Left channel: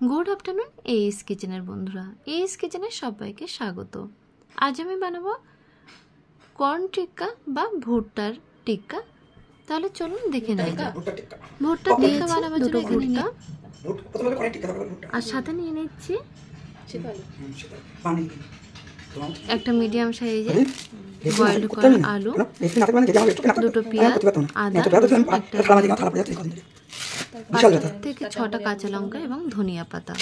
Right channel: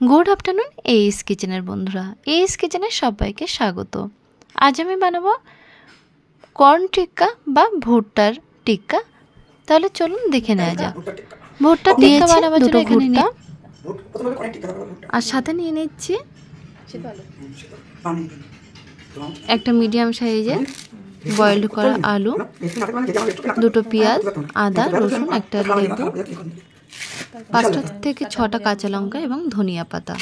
Good afternoon এইস কিচেনের বন্ধুরা, এইস কিচেনের সবাইকে স্বাগত। আজ আমি বানাবো কর্ন টিক্কা বা ভুট্টার টিক্কা। তাহলে চলুন দেখে নেওয়া যাক। ভুট্টার টিক্কা বানাবার জন্য এখানে নিয়ে আর সাথে নিয়ে নিচ্ছি একটা মিডিয়াম সাইজের বয়েলড করা আলু, দুটো পেঁয়াজ, আদা, রসুন, একটা লেবু, 5টা থেকে 6টা কাঁচা লঙ্কা এবং ধনিয়া পাতা।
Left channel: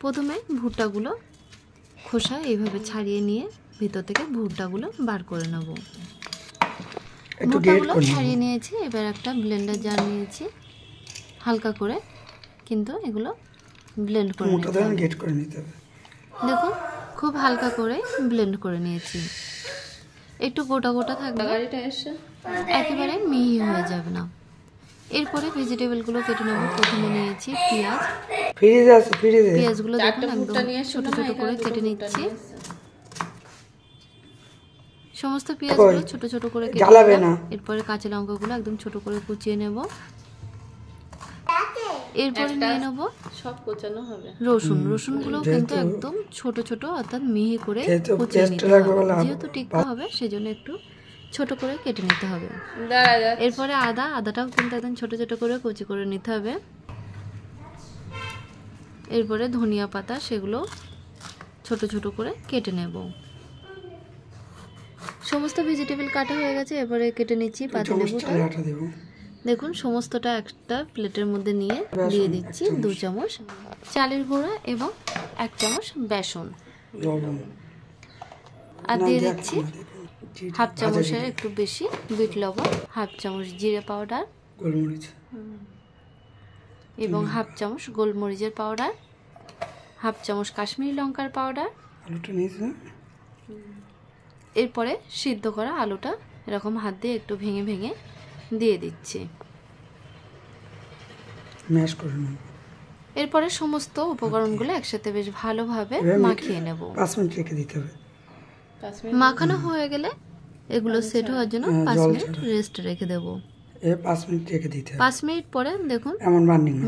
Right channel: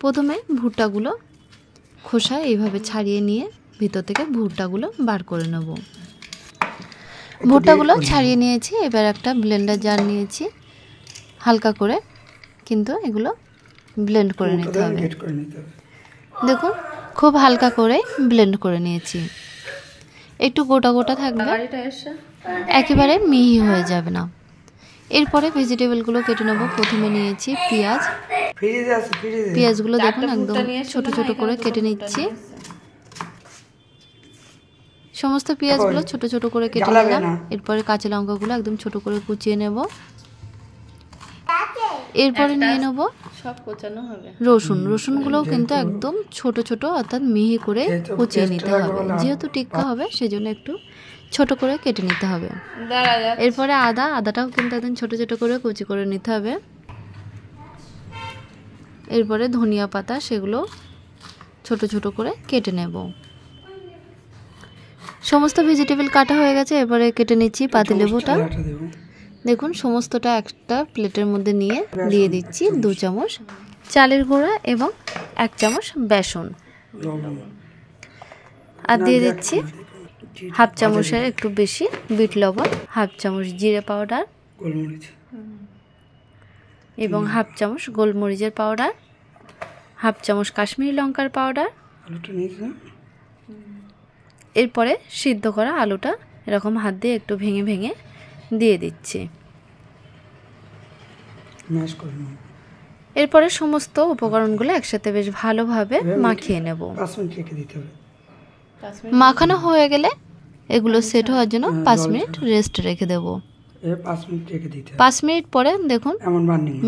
প্রথমে ভুট্টাগুলো খোসা এইভাবে ছাড়িয়ে নিয়ে ভিতর থেকে ভুট্টাগুলো বার করে নেব। ভুট্টাগুলো ছাড়িয়ে নিয়েছি। এবার একটা ব্লেন্ডার জার নিয়েছি, হালকা করে কিন্তু এগুলো ব্লেন্ড করে নিতে হবে। দেখুন খুব হালকা করে ব্লেন্ড করে নিয়েছি। একটু গোটা গোটা থাকবে, একেবারে মিহি হয়ে যাবে না। এরপরে ভেজিটেবলগুলো কেটে নেব। প্রথমে নিয়েছি পেঁয়াজ, পেঁয়াজগুলো দেখুন একদম ছোট ছোট করে কেটে নিচ্ছি। সমস্ত পেঁয়াজগুলো ছোট ছোট করে কেটে নিলাম। এরপরে কাঁচা লঙ্কাগুলো একদম ছোট করে কুচিয়ে নেব। এরপরে নিয়ে নেব সব কোচানো হবে রসুন। রসুনগুলো কিন্তু একদম ছোট ছোট অর্থাৎ মিহি করে কুচিয়ে নিতে হবে। যেহেতু টিক্কা হবে সেজন্য একটু ছোট করে কেটে নিতে হবে। এরপরে আদাটাও কিন্তু একদম ছোট ছোট করে কুচি করে নিতে হবে। এরপরে ধনিয়া পাতা, সেগুলো ছোট ছোট করে কেটে নেব। সমস্ত ভেজিটেবল কাটা হয়ে গেছে। এরপরে কেটে নিচ্ছি পাতিলেবুটা। দেখুন সমস্তটা একটা প্লেটের মধ্যে নিয়ে দিয়ে দিচ্ছি 2 চামচ চালের গুঁড়া এবং 1 চামচ বেসন, আর দিয়ে দিচ্ছি হাফ চামচের একটু বেশি বিট লবণ, হাফ চামচ জিরে পাউডার এবং হাফ চামচ গোলমরিচের পাউডার, হাফ চামচ কাশ্মীরি লঙ্কার পাউডার। এরপরে সিদ্ধ করা আলুটা এরকম হাত দিয়ে একটু ভেঙে ভেঙে দিয়ে দিচ্ছি। এরপরে সমস্ত উপকরণগুলো একসাথে বেশ ভালোভাবে মাখিয়ে নেব। মাখানো হয়ে গেলে এগুলো সেট হওয়ার জন্য 5 মিনিট রেস্ট রেখে দেব। 5 মিনিট পরে দেখুন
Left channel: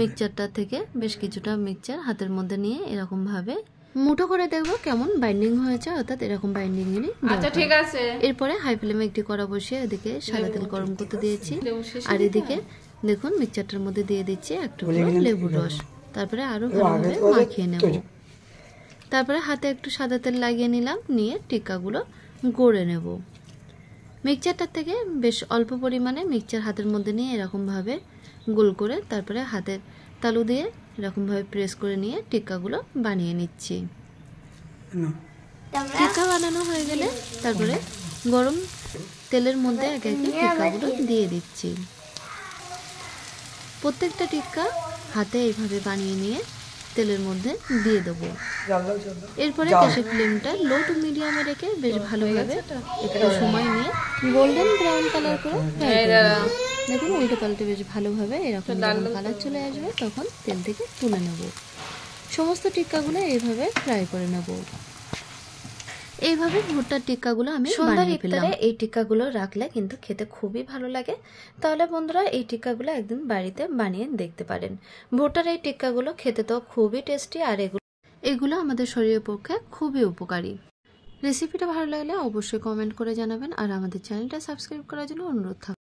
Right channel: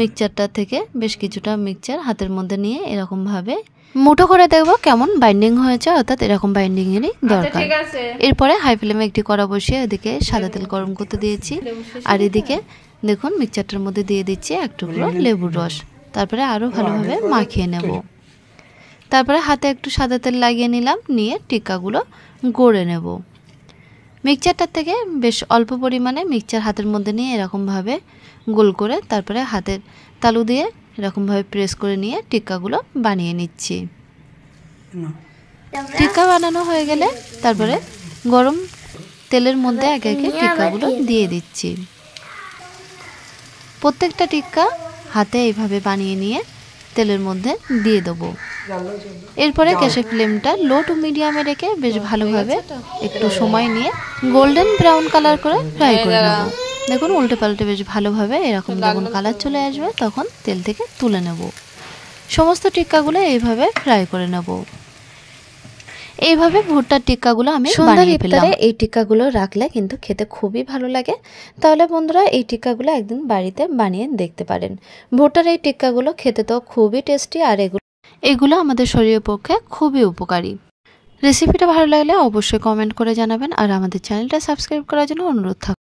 মিক্সচারটা থেকে বেশ কিছুটা মিক্সচার হাতের মধ্যে নিয়ে এরকম ভাবে মুঠো করে দেখব কেমন বাইন্ডিং হয়েছে, অর্থাৎ এরকম বাইন্ডিং এরই দরকার। এরপরে হাই ফ্লেমে একটি কড়া বসিয়ে এদিকে সাদা তেল গরম করতে দিয়েছি, আর এদিকে দেখুন মিক্সচারটার মধ্যে দিয়ে দিচ্ছি একটু লেবুর রস। তারপরে আরও ভালোভাবে মাখিয়ে নেব। তারপরে হাতে একটু সাদা তেল লাগিয়ে নিলাম, নিয়ে টিক্কাগুলো গড়ে নেব। মিক্সচারটার থেকে বেশ অল্প পরিমাণে মিক্সচার হাতের মধ্যে নিয়ে এরকমভাবে গোল করে তারপরে হাতের তালু দিয়ে এরকমভাবে প্রেস করে নিয়ে টিক্কাগুলো বানিয়ে নিচ্ছি। টিক্কা বানানো হয়ে গেলে তারপরে গরম তেলের মধ্যে একে একে টিক্কাগুলো দিয়ে দিচ্ছি। প্রত্যেকটা টিক্কা হাতে এইভাবে বানিয়ে নিয়ে তেলের মধ্যে দিয়ে দেবো। এরপরে গ্যাসের ফ্লেমটা লো টু মিডিয়ামে রেখে বেশ ভালোভাবে একটু সময় নিয়ে গোল্ডেন ব্রাউন কালার করে ফ্রাই করে নেব। দেখুন উল্টে পাল্টে বেশ ভালোভাবে এরকম যখন কালার চলে আসবে তখন তেল থেকে তুলে নেব। সমস্ত টিক্কাগুলো এইভাবে ফ্রাই করে নেব। এইভাবে ভুট্টার টিক্কাগুলো আমি বানিয়ে ফেললাম। এই টিক্কাগুলো রাখলে কিন্তু খেতে খুবই ভালো লাগে। তাহলে বন্ধুরা এই টিক্কাগুলো একদিন বাড়িতে বানিয়ে দেখতে পারেন। ভুট্টার এই টিক্কাগুলো খেতে তো খুবই টেস্টি, আর এগুলো আমাদের শরীরের পক্ষে খুবই উপকারী। রেসিপিটা ভালো লাগলে অবশ্যই কমেন্ট করে জানাবেন, আর আমাদের চ্যানেলটা সাবস্ক্রাইব করার জন্য অনুরোধ থাকবে।